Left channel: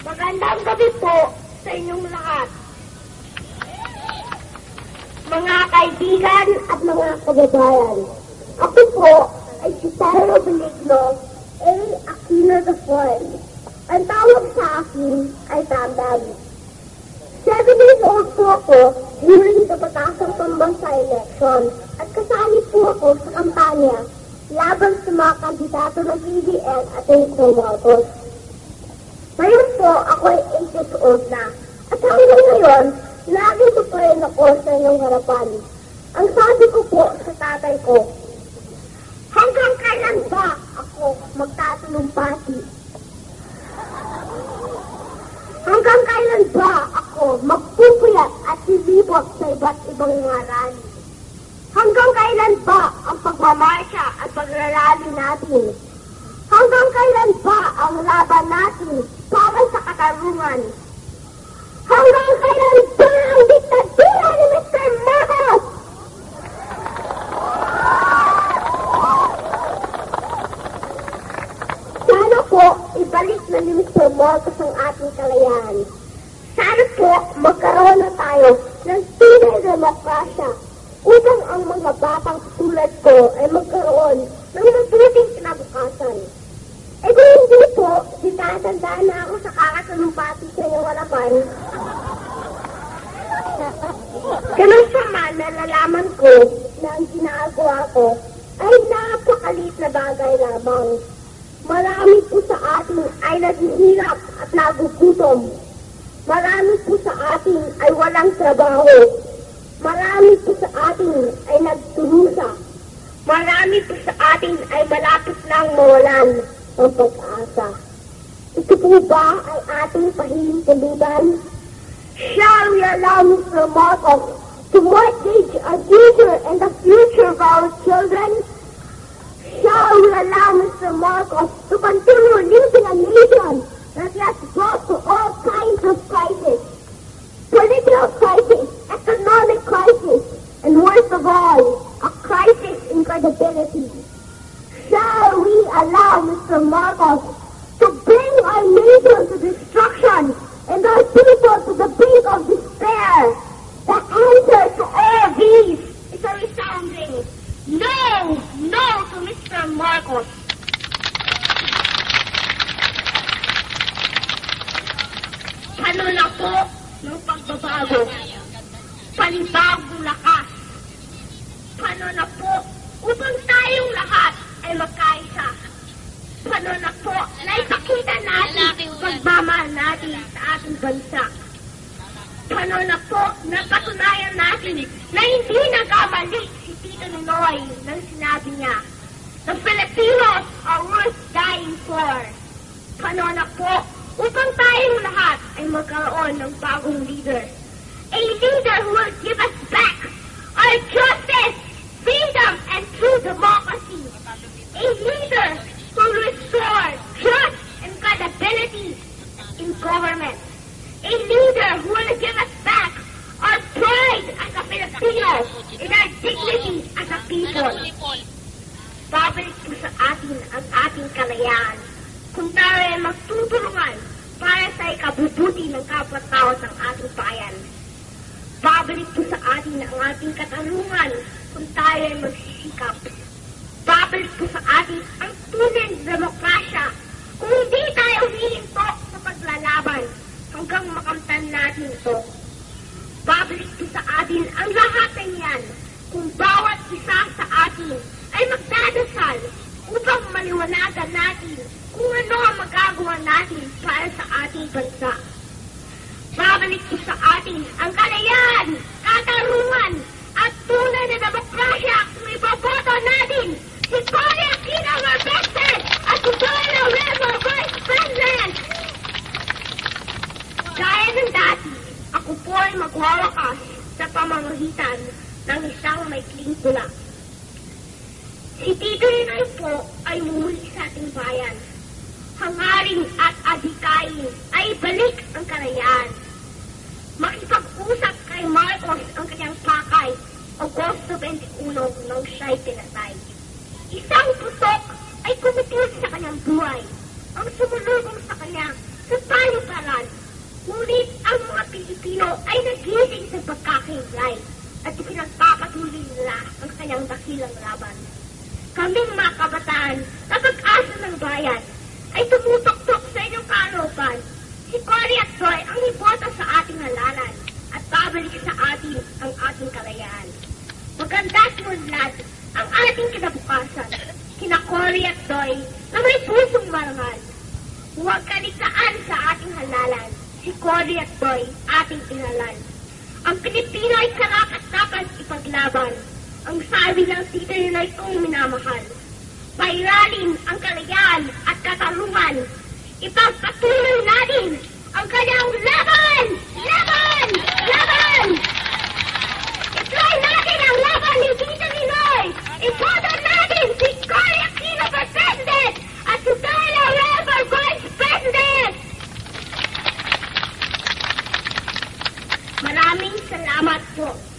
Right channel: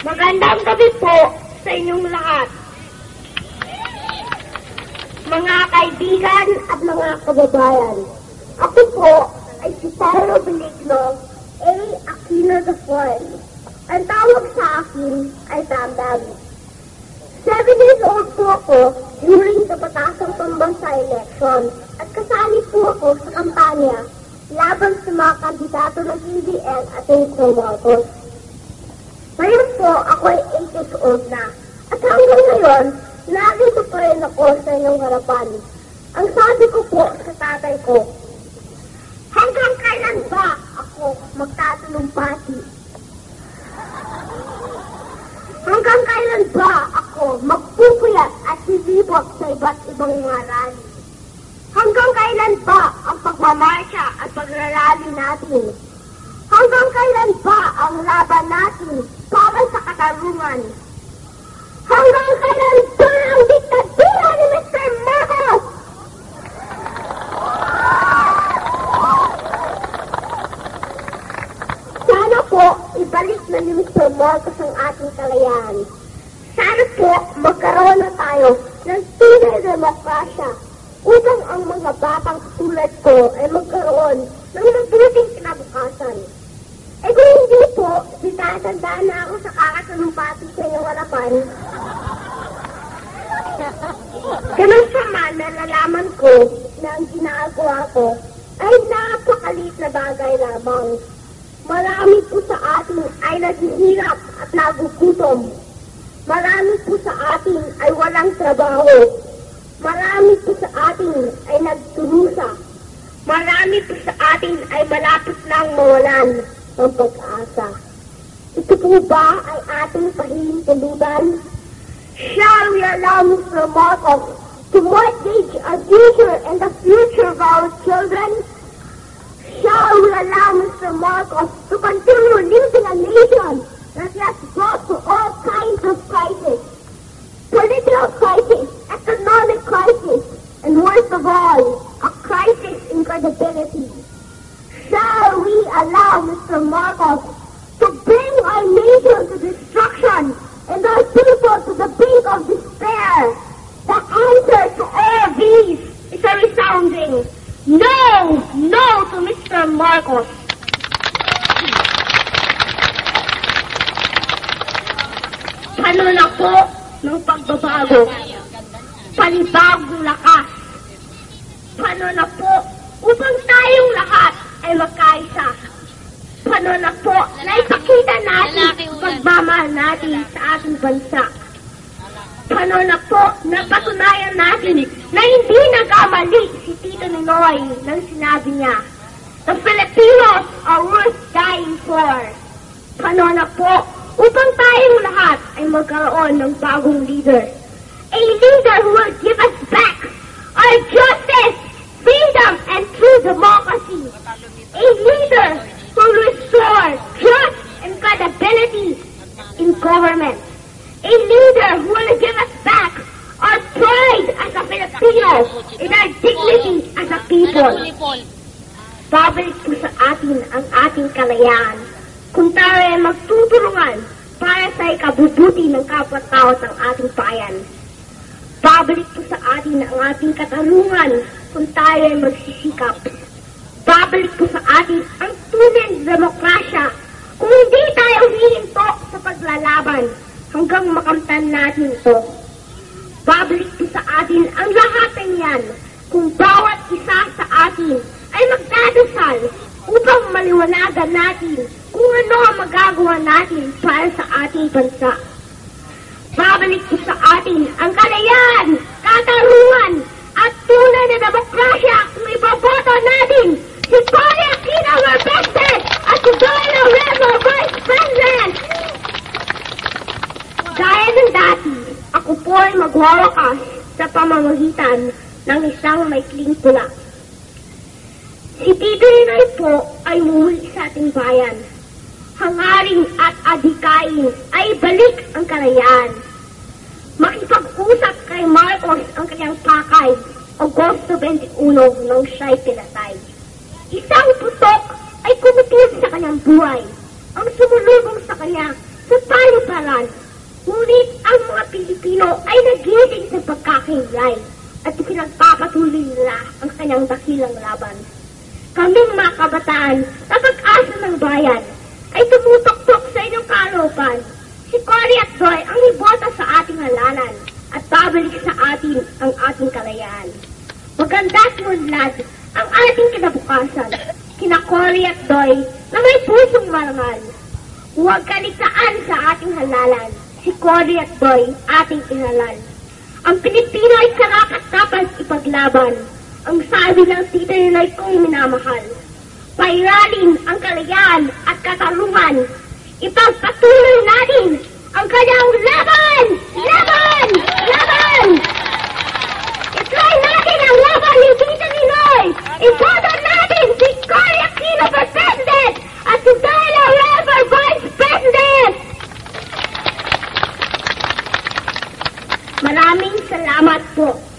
Magandang gabi po sa inyong lahat. Mga kaibigan at mga kababayan, ako po ay si Paolo Benigno A. Aquino III. Ang tawag sa akin ay Damdam. 7 years old po ako during sa Batasang Pambansa election at kasali po ako sa kampanya laban sa mga kandidato ng PDL at ng Marcos. Ngayon po, ako ay 8 years old na. At hanggang ngayon, lagi ko pa rin ako sa inyong harapan. Ang sabi ko po sa tatay ko, hanggang kailan ba ako magtatalumpati? Hanggang kailan ba ako magpupuyat at hihipot sa iba't ibang mga rally? Hanggang kailan ba ang pagmamarsya at paglalali natin? Hanggang kailan ba ang laban natin para sa katarungan? Hanggang kailan ba ang diktadura ni Mr. Marcos? Sana po ibalik na ni Mr. Marcos ang ating kalayaan. Sana po magkaroon na tayo ng tunay na demokrasya upang ang mga batang tulad ko ay magkaroon ng mabuting kinabukasan. E kung hindi po, ditatandaan na ako sa kakatalumpati sa iyong harapan. Ganun pa man, nalalaman ko na ang ginagawa ko ay napakaliit na bagay lamang. Marami po sa atin ay naghihirap at nagugutom. Marami po sa atin ay walang trabaho. Marami po sa atin ay nagtulusa. Marami po sa atin ay malapit nang mawalan ng pag-asa. Ito po ba ay ating pahihintulutan? Shall we allow Mr. Marcos to mortgage our future and the future of our children? Shall we allow Mr. Marcos to continue leading a nation that has brought to all kinds of crises? Political crisis, economic crisis, and worst of all, a crisis in credibility. Shall we allow Mr. Marcos to bring our nation to destruction and our people to the brink of despair? The answer to all these is a resounding no, no to Mr. Marcos. Ano na po ng pagbabago? Panibagong lakas. Paano na po upang tayong lahat ay magkaisa? Paano na po na ipakita natin ang pagmamahal natin sa ating bansa? Paano na po na patunayan natin na hindi nagkamali si Tito Ninoy nang sinabi niya, the Filipinos are worth dying for. Paano na po upang tayong lahat ay magkaroon ng bagong leader? A leader who will give us back our justice, freedom, and true democracy. A leader who will restore trust and credibility in government. A leader who will give us back our pride as a Filipino and our dignity as a people. Babalik po sa atin ang ating kalayaan kung tayo ay magtutulungan para sa ikabubuti ng kapwa-tao ng ating bayan. Babalik po sa atin ang ating katarungan kung tayo ay magsisikap. Babalik po sa atin ang tunay na demokrasya kung hindi tayo hihinto sa paglalaban hanggang makamtan natin ito. Babalik po sa atin ang lahat ng yan kung bawat isa sa atin ay magdadasal upang maliwanagan natin kung ano ang magagawa natin para sa ating bansa. Babalik po sa atin ang kalayaan, katarungan, at tunay na demokrasya kung ipaboto natin si Cory Aquino Marbeste at si Joel Lorenzo Vice President. Gaya ng dati, ako po ay magwawakas sa pamamagitan ng isang maikling pula. Si Tito Ninoy po ay umuwi sa ating bayan. Hangarin at adikain ay balik ang kalayaan. Makipag-usap kay Marcos ang kanyang pakay, Agosto 21 nang siya'y pinatay. Isang putok ay kumutulog sa kanyang buhay. Ang sumulubong sa kanya sa payo-palay. laban. Ngunit ang mga Pilipino ay nagising sa pagkakahiwalay at pinagpapatuloy nila ang kanyang dakilang laban. Kaming mga kabataan na pag-asa ng bayan ay tumutok-tok sa inyong kalupan. Si Cory at Doy ang ibota sa ating halalan at babalik sa atin ang ating kalayaan. Maganda at munlad ang ating kinabukasan, kina Cory at Doy na may pusong marangal. Huwag kaligtaan sa ating halalan, si Cory at Doy ating inhalal. Ang Pilipino ay karapat-dapat ipaglaban, ang sabi ng tita nila'y kong minamahal. Pairalin ang kalayaan at katarungan, ipagpatuloy natin ang kanyang laban! Laban! Laban! Itry natin ang laban ni Tita Ninoy! Iboto natin si Cory Aquino for President at si Doy Laurel for Vice President! Maraming salamat po.